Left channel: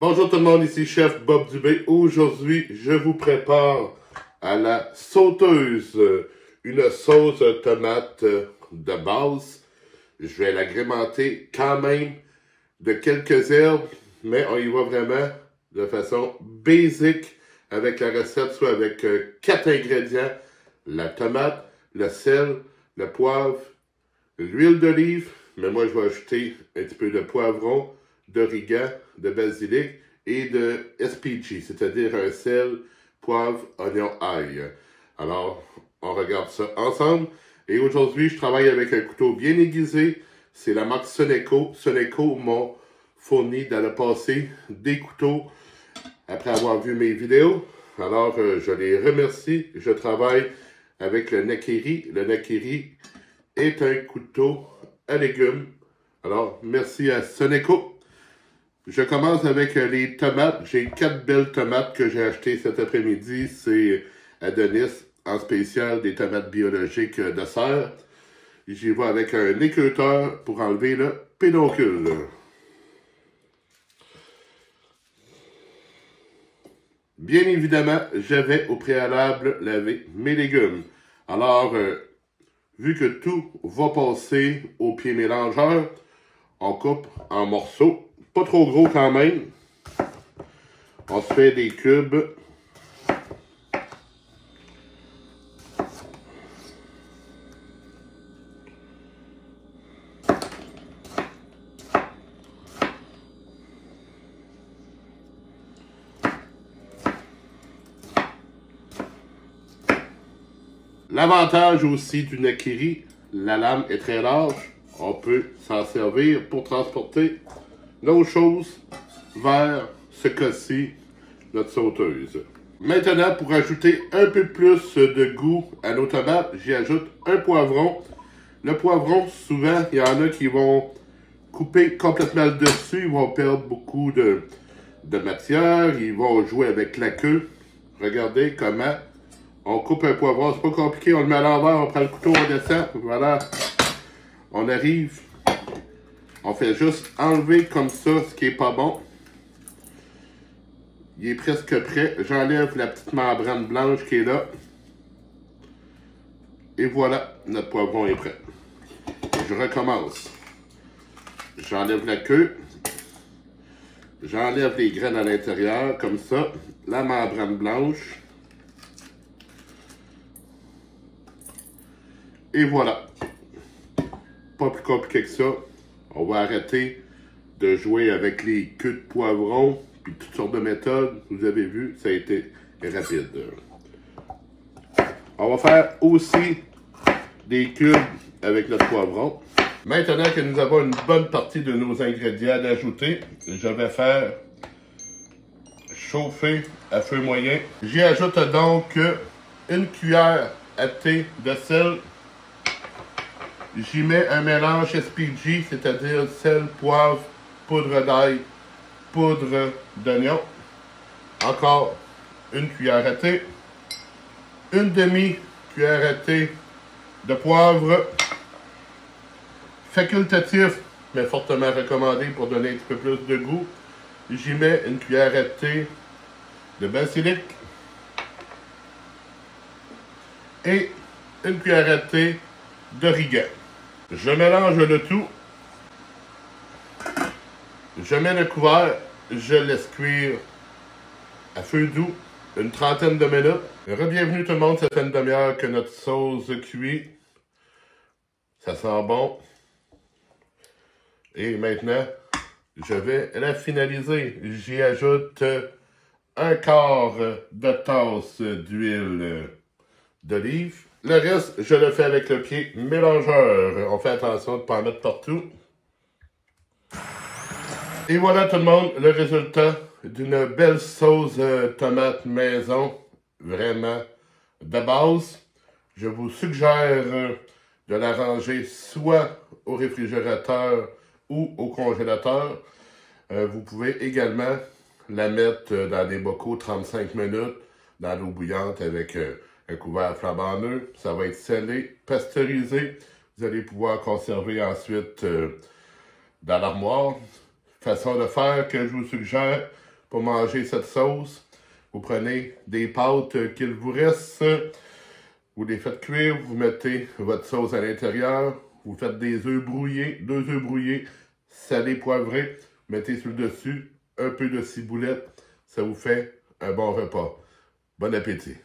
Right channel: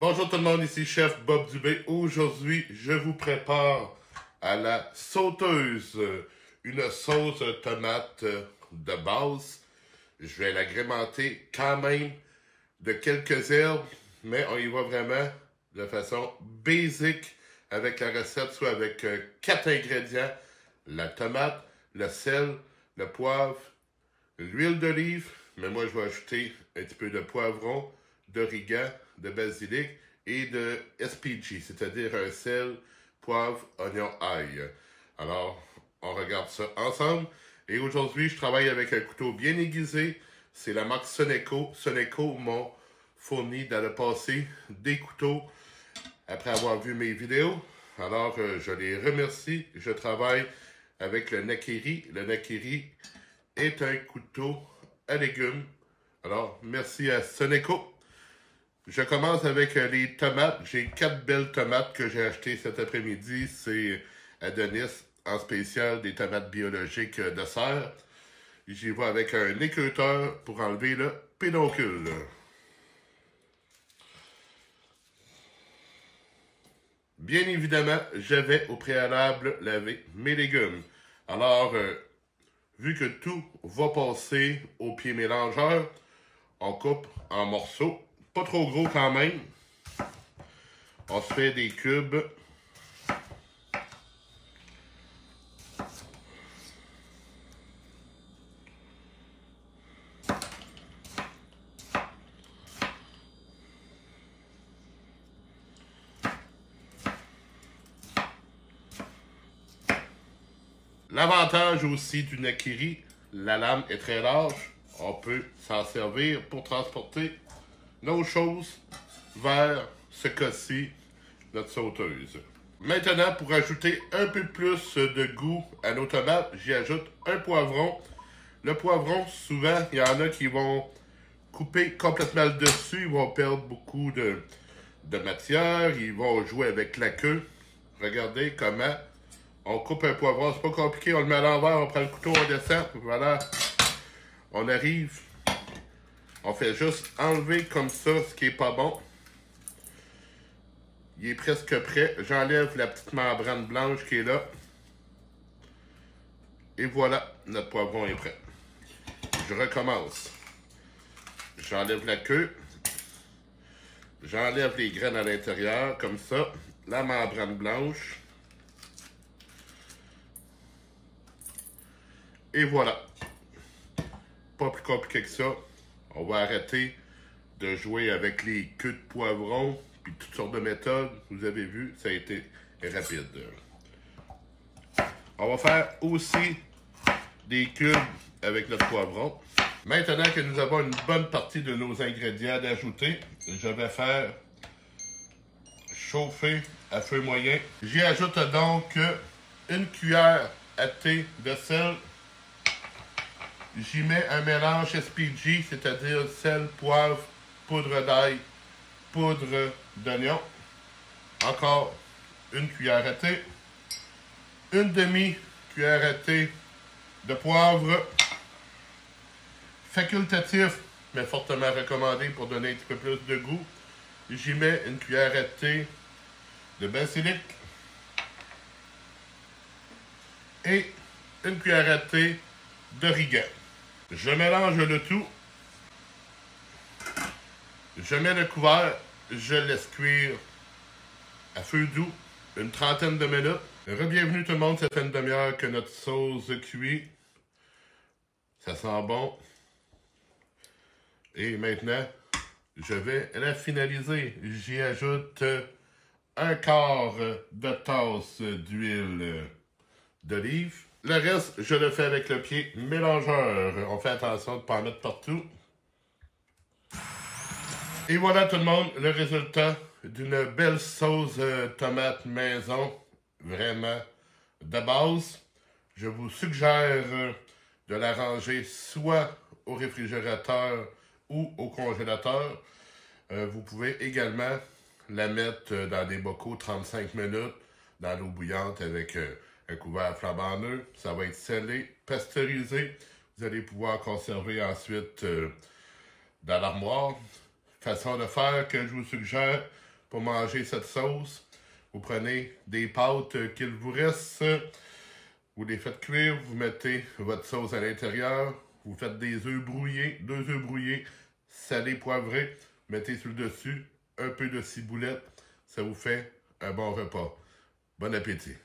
Bonjour tout le monde, ici Chef Bob Dubé. Aujourd'hui, je vous prépare à la sauteuse une sauce tomate de base. Je vais l'agrémenter quand même de quelques herbes, mais on y va vraiment de façon basique avec la recette, soit avec 4 ingrédients: la tomate, le sel, le poivre, l'huile d'olive, mais moi je vais ajouter un petit peu de poivron, d'origan, de basilic et de SPG, c'est-à-dire un sel, poivre, oignon, ail. Alors, on regarde ça ensemble. Et aujourd'hui, je travaille avec un couteau bien aiguisé. C'est la marque Soneco. Soneco m'ont fourni dans le passé des couteaux après avoir vu mes vidéos. Alors, je les remercie. Je travaille avec le Nakiri. Le Nakiri est un couteau à légumes. Alors, merci à Soneco. Je commence avec les tomates. J'ai 4 belles tomates que j'ai achetées cet après-midi. C'est Adonis, en spécial des tomates biologiques de serre. J'y vais avec un écreuteur pour enlever le pédoncule. Bien évidemment, j'avais au préalable lavé mes légumes. Alors, vu que tout va passer au pied mélangeur, on coupe en morceaux. Pas trop gros quand même. On se fait des cubes. L'avantage aussi du Nakiri, la lame est très large. On peut s'en servir pour transporter nos choses vers ce cas-ci, notre sauteuse. Maintenant, pour ajouter un peu plus de goût à nos tomates, j'y ajoute un poivron. Le poivron, souvent, il y en a qui vont couper complètement le dessus, ils vont perdre beaucoup de matière, ils vont jouer avec la queue. Regardez comment on coupe un poivron, c'est pas compliqué, on le met à l'envers, on prend le couteau, on descend, voilà. On arrive, on fait juste enlever comme ça ce qui est pas bon. Il est presque prêt. J'enlève la petite membrane blanche qui est là. Et voilà, notre poivron est prêt. Je recommence. J'enlève la queue. J'enlève les graines à l'intérieur, comme ça. La membrane blanche. Et voilà. Pas plus compliqué que ça. On va arrêter de jouer avec les queues de poivron, puis toutes sortes de méthodes. Vous avez vu, ça a été rapide. On va faire aussi des cubes avec notre poivron. Maintenant que nous avons une bonne partie de nos ingrédients d'ajouter, je vais faire chauffer à feu moyen. J'y ajoute donc une cuillère à thé de sel. J'y mets un mélange SPG, c'est-à-dire sel, poivre, poudre d'ail, poudre d'oignon. Encore une cuillère à thé. Une demi-cuillère à thé de poivre. Facultatif, mais fortement recommandé pour donner un petit peu plus de goût. J'y mets une cuillère à thé de basilic. Et une cuillère à thé d'origan. Je mélange le tout. Je mets le couvert. Je laisse cuire à feu doux une trentaine de minutes. Re-bienvenue tout le monde, ça fait une demi-heure que notre sauce cuit. Ça sent bon. Et maintenant, je vais la finaliser. J'y ajoute un quart de tasse d'huile d'olive. Le reste, je le fais avec le pied mélangeur. On fait attention de ne pas en mettre partout. Et voilà tout le monde, le résultat d'une belle sauce tomate maison. Vraiment de base. Je vous suggère de la ranger soit au réfrigérateur ou au congélateur. Vous pouvez également la mettre dans des bocaux 35 minutes dans l'eau bouillante avec un couvert flambant neuf. Ça va être scellé, pasteurisé. Vous allez pouvoir conserver ensuite dans l'armoire. Façon de faire que je vous suggère, pour manger cette sauce. Vous prenez des pâtes qu'il vous reste, vous les faites cuire, vous mettez votre sauce à l'intérieur, vous faites des œufs brouillés, 2 œufs brouillés, salés, poivrés, mettez sur le dessus un peu de ciboulette, ça vous fait un bon repas. Bon appétit!